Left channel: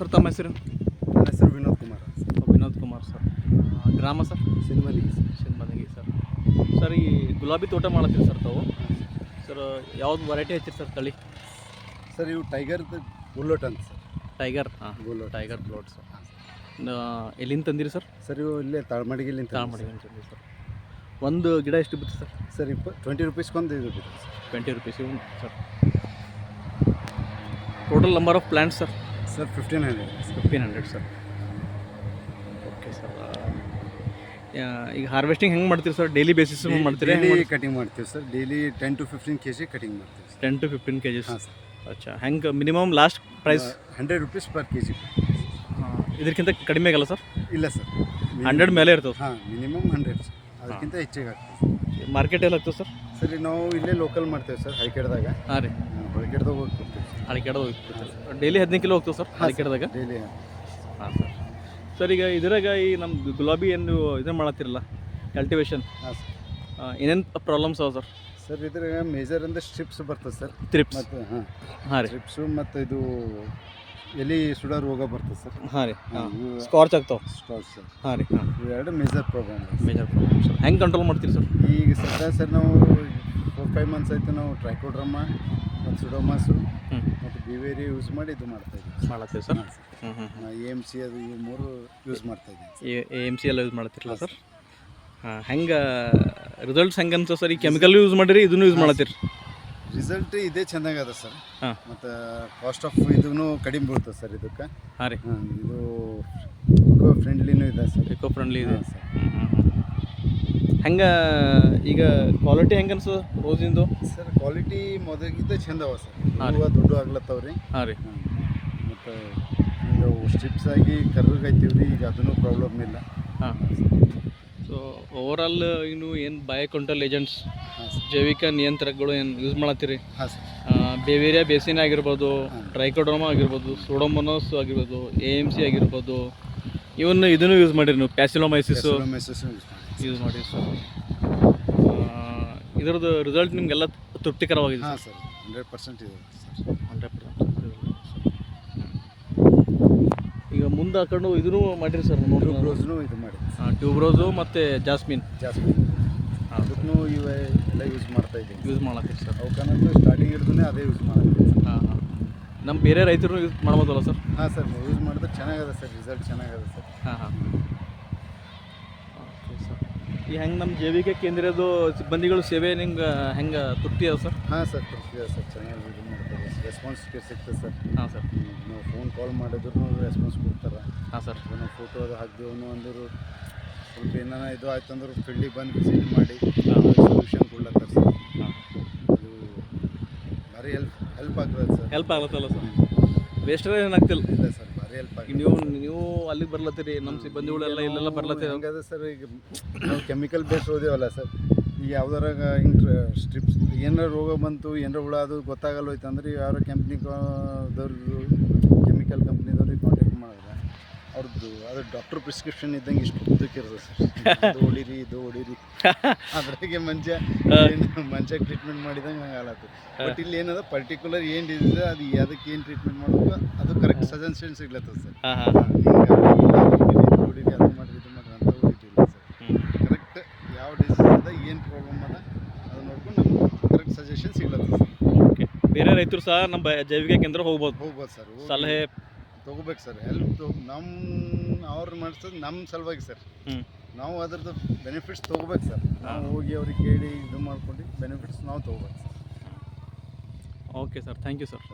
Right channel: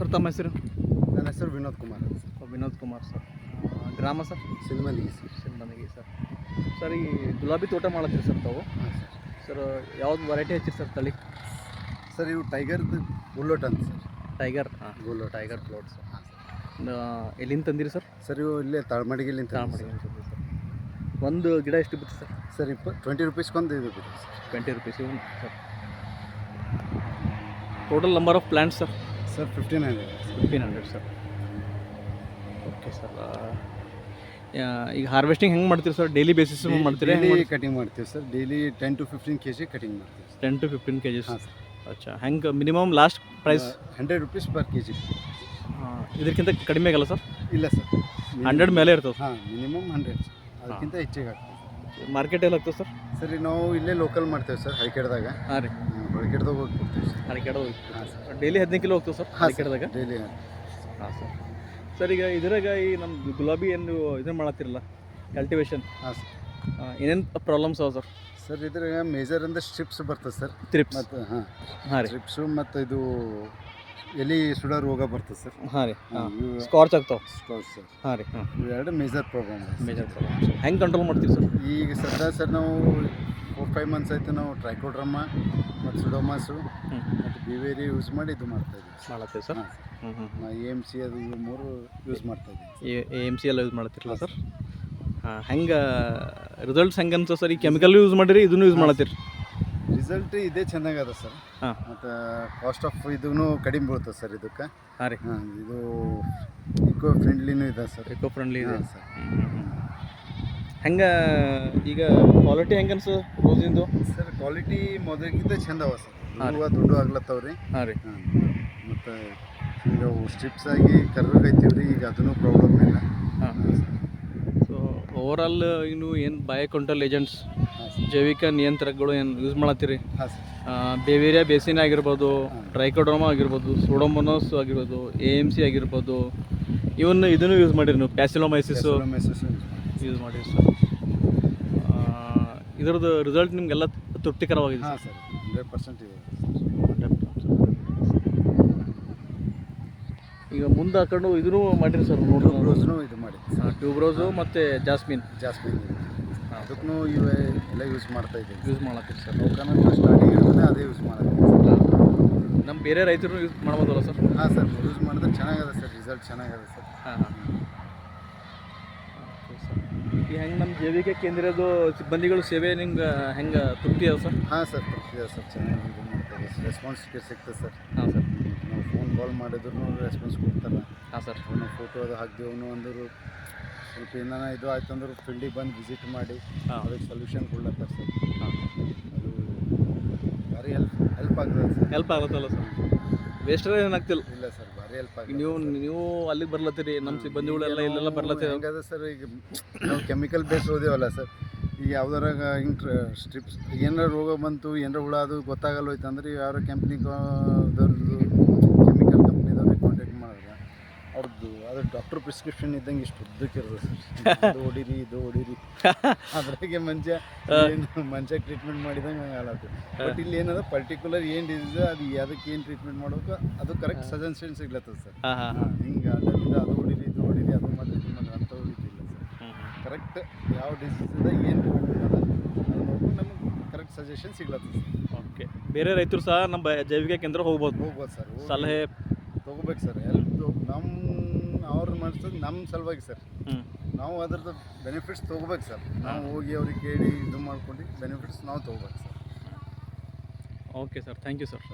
Sir ತಮ್ಮ ಹೆಸರು? ನನ್ನ ಹೆಸರು ವಿನೋದ್ ಕುಮಾರ್ ಅಂತ ಸರ್. ವಿನೋದ್ ಕುಮಾರ್ ಸರ್. ಗ್ರಾಮ ಸರ್? ಸಿಂಧಮಂದಿಗೆ ಸರ್. ಶಿನ್ಬಂದಿಗೆ ಸರ್. ಸರ್ ಈ ಗುಲಾಬಿ ತೋಟ ಮಾಡತ್ತೀರಿ ಸರ್ ತಾವು? ಹಾಂ ಸರ್ ಯಾವ್ದು ವೆರೈಟಿ ಹಚ್ಚಿರಿ ಸರ್ ತಳಿ? ಸರ್ ಇವು ಟೈಗರ್ದು ಬುಲ್ಲೋಟ್ ಅಂತ ಸರ್. ಟೈಗರ್. ಹಾಂ, ಬುಲ್ಲೋಟ್ ಟೈಗರ್ ಪ್ಲಾಟ್ ಸರ್. ಹಾಂ ಎಲ್ಲಿಂದ ತಂದಿರಿ ಸರ್? ಸರ್ ಇವು ಇಲ್ಲೇ ತಾಳ್ಮಡಿಗೆಲಿಂದ ತಾಳ್ಮಡಿಗೆ ತಂದಿರಿ ಸರ್. ಒಂದು ಗಿಡ ಎಷ್ಟು ಬಿತ್ತು ಸರ್? ಸರ್ 20 ರೂಪೀಸ್ಗೊಂದು ಇದು ಬಿತ್ತು ಸರ್. 20 ರೂಪೀಸ್ ಇವು sir. Total number of plants sir? Sir 1500. 1500 sir. Okay sir. ಈಗ ಹಾರ್ವೆಸ್ಟಿಂಗ್ ಹೆಂಗೆ ಮಾಡ್ತೀರಿ ಸರ್? ಡೈಲಿ ಬೇಸಿಸ್ ಮಾಡ್ತೀರಿ? ಡೈಲಿ ಕಟಿಂಗ್ ಮಾಡ್ತೀವಿ sir. Daily 10 to 15 kg cutting ಮಾಡ್ತೀವಿ ಸರ್. 10 to 15 kg. ಹಾಂ ಸರ್. ಅಚ್ಚಾ, ಹೆಂಗೆ minimum last price? 100 rupees per kg. ಇದಕ್ಕಿಂತ ಕಡಿಮೆ ಆಗಲ್ಲ ಸರ್? ಇಲ್ಲ ಸರ್, 100 ಮೇಲೆ ಇರ್ತದೆ. ಹಾಂ, ಮಿನಿಮಮ್ 100 ಸರ್. ಅದಕ್ಕಿಂತ ಹೆಚ್ಚಿಗೆ ಆಗ್ತದೆ. ಮಾರ್ಕೆಟ್ ಎಲ್ಲ ಆಗ್ತದೆ ಸರ್? ಸರ್ ನಾವು ಇಲ್ಲೇ ಲೋಕಲ್ ಮಾಡ್ತೇವೆ ಸರ್, ಹೈಕೆಡ್ದಾಗ. ಹಾಂ ರೀ, ಹೊಳಕೆಡ್ದಾಗ ಹೋಗಿ ಕೊಡ್ತೀವಿ ಸರ್. ಹಳಿಕೆಡ್ದಾಗ ಹೋಗಿ ಡೈಲಿ 15 ಕಿಲೋ ಹೋಗ್ತದೆ ಸರ್ ಹಳಿಕೆಡ್ದಾಗ? ಡೈಲಿ. ಹಾಂ ಸರ್. ಸರ್ ಈಗ ಇದ್ರಾಗ ಈ ನಮ್ಮ ಗುಲಾಬಿ ಏನು ಇದನ್ನು ಮಾಡತ್ತಿರಲ್ಲ ಕಲ್ಟಿವೇಶನ್, ಹಾಂ ಸರ್, ಏನೇನು ಪ್ರಾಬ್ಲಮ್ಸ್ ಅವ ಸರ್? ಸರ್ ಇದ್ರಾಗ ಮೇಜರ್ ಅಂದರೆ ಸ್ಟ್ರಿಪ್ಸ್ ಬರ್ತದೆ ಸರ್. ತ್ರಿಪ್ಸ್. ಮತ್ತು ಹಾಂ ಹಾಂ ರೀ, ಸ್ಟ್ರಿಪ್ಸು ಮತ್ತು ಇದು ಎಲೆ ಸುಡೋ ರೋಗ ಬರ್ತದೆ ಸರ್. ಹಾಂ ರೀ, ಹಾಂ, ಸ್ಕಾರ್ಚ್ ಆಗ್ತಾವೆ. Scotch sir. ಹಾಂ ರೀ, ಹಾಂ, ಇವೆರಡು major problem. Major problem sir. ಹೆಂಗೆ ಕಂಟ್ರೋಲ್ ಮಾಡ್ತೀರಿ ಸರ್? ಈಗ ಸರ್ ನಾವು 4-5 ಮಂತ್ಸ್ ಆಯಿತು ನಾವು ಟ್ರೈಕೋಡ್ರಮ್ಮ ಮತ್ತು ಸುಡೋಮಾಸು ಮತ್ತು ಬಿವೇರಿ ಯೂಸ್ ಮಾಡಿ ಇದು ಮಾಡ್ತಾಯಿದ್ದೀವಿ. ಮಾಡತ್ತೀವಿ ಸರ್? ಹ್ಞೂ ಹ್ಞೂ. AMC ಅದು ಇವು 3 ಯೂಸ್ ಮಾಡ್ತಾಯಿದ್ದೀವಿ. AMC ಎಲ್ಲ ಯೂಸ್ ಮಾಡತ್ತಿರಲ್ಲ ಸರ್? ಹಾಂ, ಹೆಂಗೆ ರಿಸಲ್ಟ್ಸ್ ಹೆಂಗೆ ಅನ್ಸ ಸರ್? ಈ ಕೆಮಿಕಲ್ ಯೂಸ್ ಮಾಡಿರಿ, ಇದನ್ನು ಯೂಸ್ ಮಾಡತ್ತೀರಿ? ರಿಸಲ್ಟ್ ಇದೇ ಚೆನ್ನಾಗದ ಸರ್. ಹಾಂ, ಮತ್ತು ಕಾಸ್ಟ್ ಆಫ್ ಇದೂ ಕಡಿಮೆ ಬೀಳ್ತದೆ ಸರ್ ಇದಕ್ಕೆ. ಹಾಂ ರೀ, ಹಾಂ, ಇದು ಇಕೋ ಫ್ರೆಂಡ್ಲಿನೂ ಇದೆ ಸರ್. ಎಕೋ ಫ್ರೆಂಡ್ಲಿ ಇದೆ ಸರ್. ಹೆಂಗೆ ಈಗ ಕ್ವಾಲಿಟಿ ಹೆಂಗೆ ಅನ್ಸ ರೋಸಿಂದು? ಸರ್ ಕ್ವಾಲಿಟಿ ಮೊದಲಿಗಿಂತ ಚಂದ ಅವ ಸರ್. ಹಾಂ ರೀ, ದೊಡ್ಡ ಆಗ್ಲತ್ತವ್ರಿ. ಹಾಂ ರೀ, ಹಾಂ, ಮತ್ತು ಈಗ ಸ್ಟ್ರಿಪ್ಸ್ ಆಗಿ ಕರ್ರಗೈತೀವಿ ರೀ, ಈಗ ಅದೂ ಪ್ರಾಬ್ಲಮ್ ಇಲ್ಲ. ಹಾಂ. ಸೊ ಓವರಾಲ್ ಇನ್ನು ಏನು ಬಯೋ ಕಂಟ್ರೋಲ್ ಏಜೆಂಟ್ಸ್, ಹಾಂ ಸರ್. ಜೈವಿಕ ನಿಯಂತ್ರಕಗಳು ಏನು ಯೂಸ್ ಮಾಡತ್ತೀರಿ? ಹಾಂ ಸರ್. ಬೇವೇರಿಯಾ ಬೇಸಿನ್ ಆಗಿರ್ಬೋದು, ಹಾಂ. ಟ್ರೈಕೋಡರ್ಮಾ ಆಗಿರ್ಬೋದು, ಸೂಡೋಮೋನಾಸ್ ಆಗಿರ್ಬೋದು, AMC ಆಗಿರ್ಬೋದು, ಇದನ್ನು ಯೂಸ್ ಮಾಡಿರಿ ನೀವು? ಪ್ಯಾಸಿಲೋಮೈಸಿಸು ಯೂಸ್ ಮಾಡಿರಿ ಸರ್. ಇದರದ್ದು ರಿಸಲ್ಟ್ ನಿಮಗೆಲ್ಲ ತೃಪ್ತಿಕರವಾಗಿದೆ? ಹಾಂ ಸರ್, 100% ಇದೆ ಸರ್. 100%. ಈಗ ಮುಂದೆ ಹಾಕೊಂಡು ಇದನ್ನು ಮಾಡಿರಿ ಸರ್? ಟ್ಯೂಬ್ರೋಸ್ನು ಇದು ಮಾಡಿ. ಹಾಂ, ಟ್ಯೂಬ್ರೋಸು ಮತ್ತು ಜಾಸ್ಮಿನ್. ಜಾಸ್ಮಿನ್. ಹಾಂ, ಅದಕ್ಕೂ ಇವೆ ಎಲ್ಲ ಯೂಸ್ ಮಾಡ್ತಾ ಇದ್ದೀವಿ. ಯೂಸ್ ಮಾಡತ್ತೀರಿ ಸರ್? ಅವಕ್ಕಂತೂ ಸ್ಟಾರ್ಟಿಂಗ್ ಯೂಸ್ನೇ ಅದೇ ಯೂಸ್ ಮಾಡ್ತೀವಿ. ಹಾಂ, ನಮ್ಮ ಬೇರೆ ರೈತರು ಯೂಸ್ ಮಾಡ್ಬೋದಲ್ಲ ಸರ್? ಹಾಂ ಸರ್, ಯೂಸ್ ಮಾಡಿದ್ರೆ ಚೆನ್ನಾಗದ ಸರ್, ರಿಸಲ್ಟ್ ಚೆನ್ನಾಗದ ಸರ್. ಹಾಂ ಹಾಂ. Okay sir. ಈ ಹೆಂಗೆ ನಮ್ಮ ಜೈವಿಕ ಕೇಂದ್ರದ ಸಿಬ್ಬಂದಿಗಳು ಸೇವೆ ನಿಮ್ಗೆ ಹೆಂಗೆ ತೃಪ್ತಿ ಅದ ಸರ್? ಹಾಂ ಸರ್, ತೃಪ್ತಿ ಸರ್, ಚೆನ್ನಾಗಿ ಇದು ಮಾಡ್ತಾರೆ. ರೆಸ್ಪಾನ್ಸ್ ಸಿಗ್ತದೆ ಸರ್. ಹಾಂ ಸರ್. ನಾವು ಫೋನ್ ಕಾಲ್ ಮಾಡಿದ್ರು ರೆಸ್ಪಾನ್ಸ್ ಕೊಡ್ತಾರೆ. ಹಾಂ ಸರ್. ನಾವು ಫೋಟೋ ಅದು ಹಾಕ್ದೇವನು ಅಂದರು ಸ್ವಲ್ಪ ಏನಾರ ಇದು ಆಯ್ತು ಅಂದ್ರೆ ಫೀಲ್ಡಿಗೆ ಬಂದು ವಿಸಿಟ್ ಮಾಡಿ ಸೊಲ್ಯೂಷನ್ ಕೊಡ್ಲತ್ತಾರೆ ಸರ್. ಹಾಂ, ಅದು ಭಾರಿ ಹೆಲ್ಪ್ ಆಗ್ತದೆ ಸರ್. ಹೆಲ್ಪ್ ಆಗತ್ತಲ್ಲ ಸರ್? ವೇಸ್ಟರ್ ಏನಾಗ್ತಿಲ್ಲ? ಇಲ್ಲ ಸರ್, ಭಾರಿ ಹೆಲ್ಪ್ ಈಗ ನೀವು ಅಲ್ಲಿಗೆ ಬರ್ಲತ್ತೀರಿ, ನಮ್ಮ ಸಿಬ್ಬಂದಿಗಳೆಲ್ಲ ಇಲ್ಲೆಲ್ಲ ಬರ್ಲತ್ತೀರಿ. ಹಂಗದ ಸರ್. ಈಗ ನಾವು ಕೆಮಿಕಲ್ ಬೇಸ್ ಹೋದೇವಲ್ಲ ಸರ್, ಈಗ ಯಾವ್ದಾರಾಗ ಹಿಂಗೆ ಸ್ಟ್ರಿಪ್ಸ್ ಏನಾರ ರೋಗ ಬಂತು, ಏನಾರ ಹುಳ ಅದು ಗೊತ್ತಾಗಲ್ಲೋಯ್ತು ಅಂದ್ರೆ ಯಾವ ಕಂಪ್ನಿದವ್ರದ್ದು ಕೆಮಿಕಲ್ ಕಂಪ್ನಿದವ್ರಿಗೆ ಕಾಂಟ್ಯಾಕ್ಟ್ ಮಾಡಿದ್ರೆ ಅವ್ರದ್ದು ಅದು ಡಾಕ್ಟ್ರ್ ಪ್ರಿಸ್ಕ್ರಿಪ್ಷನ್ ಇದ್ದಂಗೆ ಇಷ್ಟು ಉದ್ದಕ್ಕಿರೋದು ಸರ್. ಇದು ಹೊಡೀರಿ ಅದ್ರಾಗೆ ಮಂಚ ಟ್ರೀಟ್ಮೆಂಟ್ ಮಾಡಿದಂಗೆ ಹಂಗೆ ಆಗಲತ್ತು. ಬಟ್ ಇಲ್ಲಿ ಏನದ ಪರ್ಟಿಕ್ಯುಲರ್ ಏನು ಡಿಸೀಸ್ ಅದು ಅದಕ್ಕೆ ಏನು ಟ್ರೀಟ್ಮೆಂಟ್ ಮಾಡಬೇಕು ಅದು ಕರೆಕ್ಟ್ ಸಜೆಷನ್ ಸಿಗ್ಲತ್ತದ ಸರ್. ಹಿಂಗೆ ಹೊಡೀರಿ ಅದು ಮಾಡಿರಿ ಇದು ಮಾಡಿರಿ ಅಂತ ಹೊಡಿತಿಲ್ಲ ಸರ್. ಕರೆಕ್ಟ್ ಯಾವ ಡಿಸೀಸ್ ಅದ, ಏನು ಪ್ರಾಬ್ಲಮ್ ಅದ ಅದು ನೋಡ್ಕೊಂಡು ನಮ್ಗೆ ಕರೆಕ್ಟ್ ಸಜೆಷನ್ ಸಿಗ್ಲತ್ತದ ಸರ್. ಓಕೆ, ಬೇರೆ ರೈತರು ಸಹ ನಮ್ಮ ಜೈವಿಕ ಕೇಂದ್ರ ಹೋಗ್ಬೋದು ಸರ್, ಸಲಹೆ ತೊಗೋಬೇಕು ಸರ್. ಅವ್ರು ಮಾಡಿಸೋದು ನಮ್ಮ ಸಲುವಾಗಿ ಸರ್. ನಾವು ಅದ್ರದ್ದು ಬೆನಿಫಿಟ್ಸ್ ತೊಗೋಬೇಕು ಸರ್. ನಾವು ಹೋಗಿ ಅವ್ರಿಗೆ ಕೇಳಿ ಇದು ಮಾಡ್ಕೊಂಡು ಬೆನಿಫಿಟ್ಸ್ ನಾವು ತೊಗೋಬೇಕು sir. Okay sir, thank you sir.